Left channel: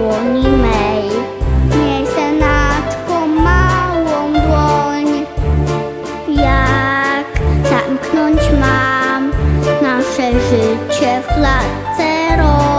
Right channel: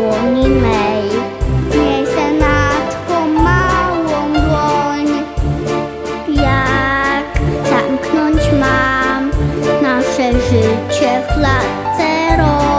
dłoni mej. Miejsce na Twą małą dłoń. Jak zamknąć mam nasze życie w klatce rąk?